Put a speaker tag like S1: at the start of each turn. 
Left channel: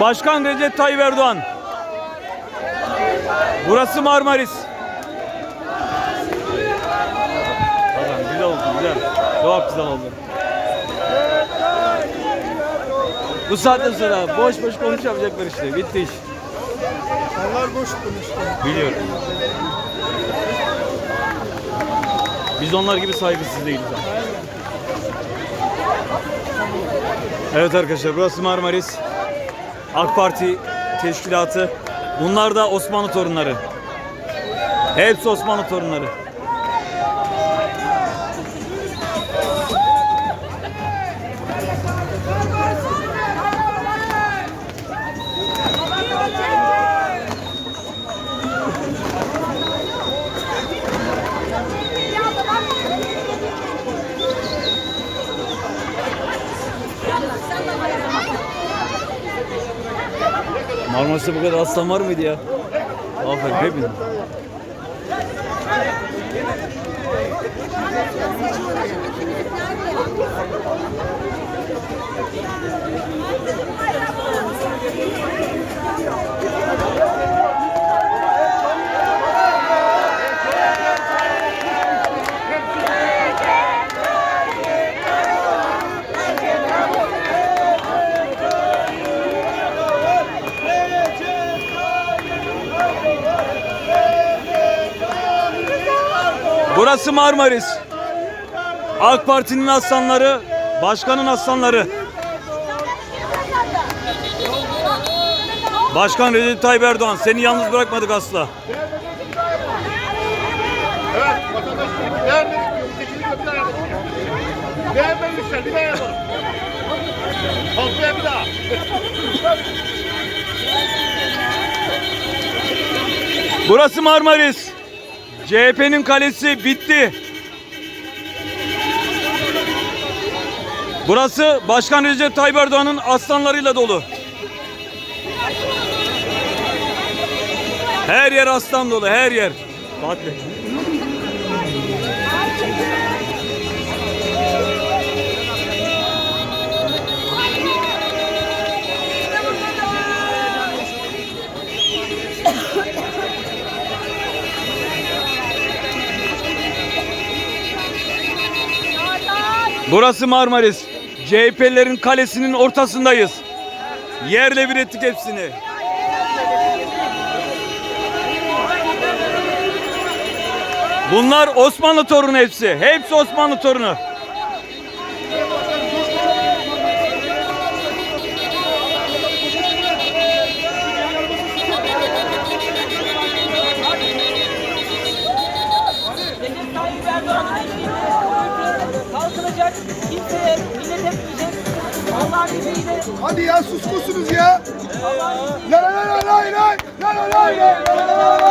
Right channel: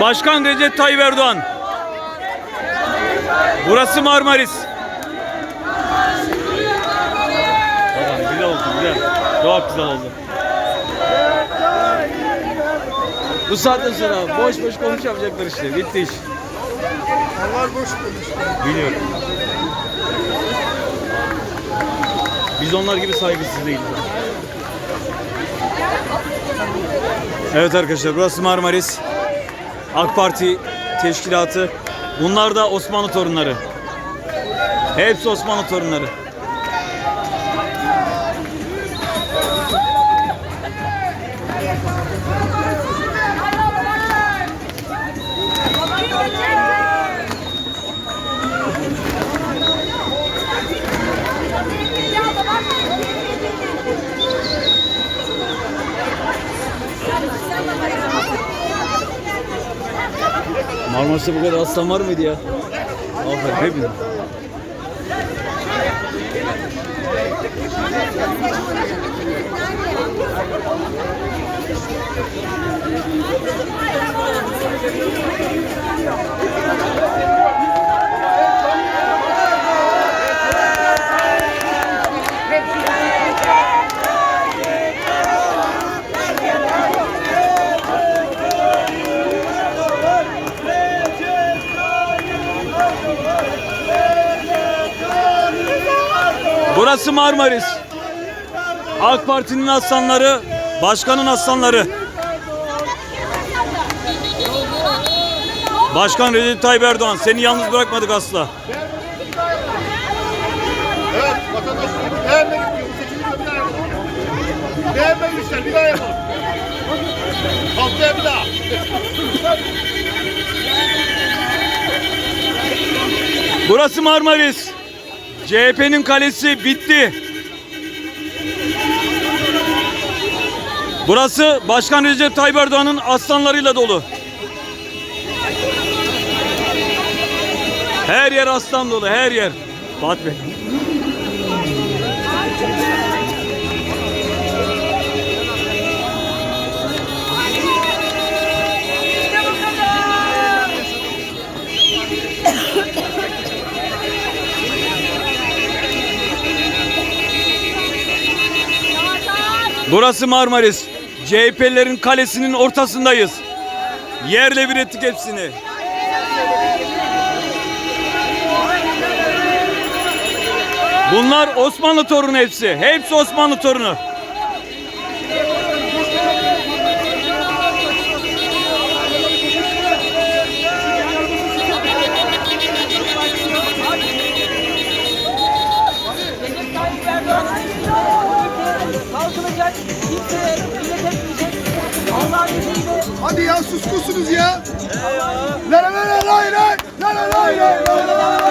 S1: Başkan Recep Tayyip Erdoğan. Burası Marmaris. Tamam güzel oldu güzel. Çok güzel oldu. Bu saatten sonra boş boş konuşamayacaklar işte. Bitti iş. Biliyorum. Biz onlar gibi saygısız değiliz. Evet arkadaşlar burası Marmaris. AK Parti teşkilatı. Bunlar da Osmanlı torunları. Hepsi Osmanlı torunları. Marmaris'te bu kadar aslan var mıydı ya? Aferin hepiniz. Burası Marmaris. AK Parti'nin aslanları, başkanın aslanları. Başkan Recep Tayyip Erdoğan seni yalnız bırakmadık asla. Burası Marmaris. CHP'nin kalesi bitti. Burası Başkan Recep Tayyip Erdoğan'ın aslanlarıyla dolu. Her yer aslan dolu, her yer. Fatih Bey. Burası Marmaris. CHP'lerin kalesinin ortasındayız. Yerle bir ettik hepsini. Bunlar Osmanlı torunu hepsi. Hepsi Osmanlı torunu.
S2: Hadi ya sus musunuz ya? La la la la lay lay. La la lay